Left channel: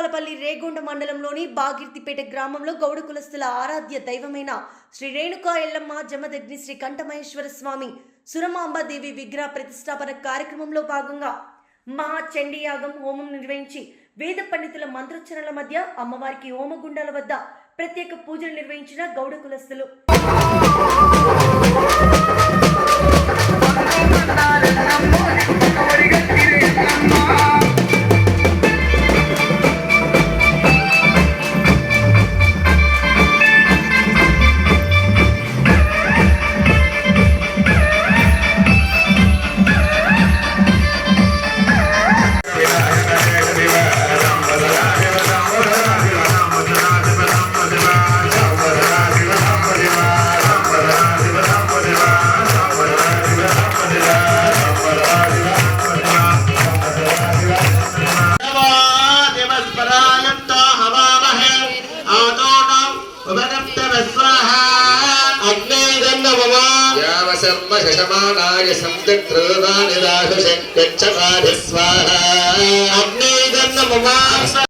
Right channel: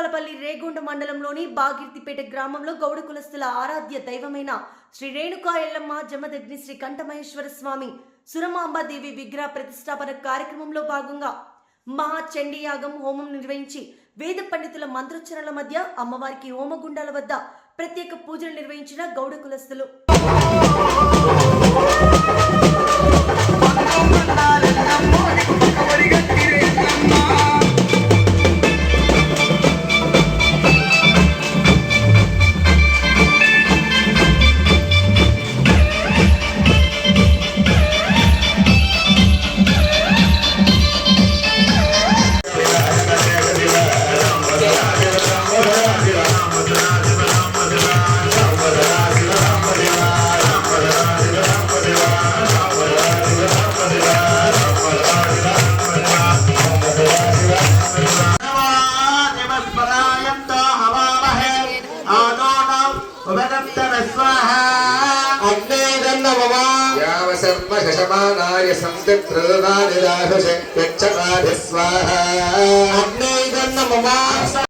భూపాలపల్లి రేగొండ మండలంలోని బాగిర్తిపేట గ్రామంలో గౌడ కులస్తుల ఆరాధ్య దైవమైన శ్రీ రేణుకా ఎల్లమ్మ జమదగ్ని శ్రీ కంఠమహేశ్వర స్వామి సురమాంబాదేవి విగ్రహ ప్రతిష్టాపన కార్యక్రమంలో భాగంగా మహాచండీయాగం హోమం నిర్వహించి వేద పండితుల మంత్రోచ్చరణల మధ్య అమ్మవారికి హోమగుండాల వద్ద ప్రత్యేక పూజలు నిర్వహించిన గౌడ కులస్తులు. शमानाय संतित्रोदानिदाशे स्वाहा अग्ने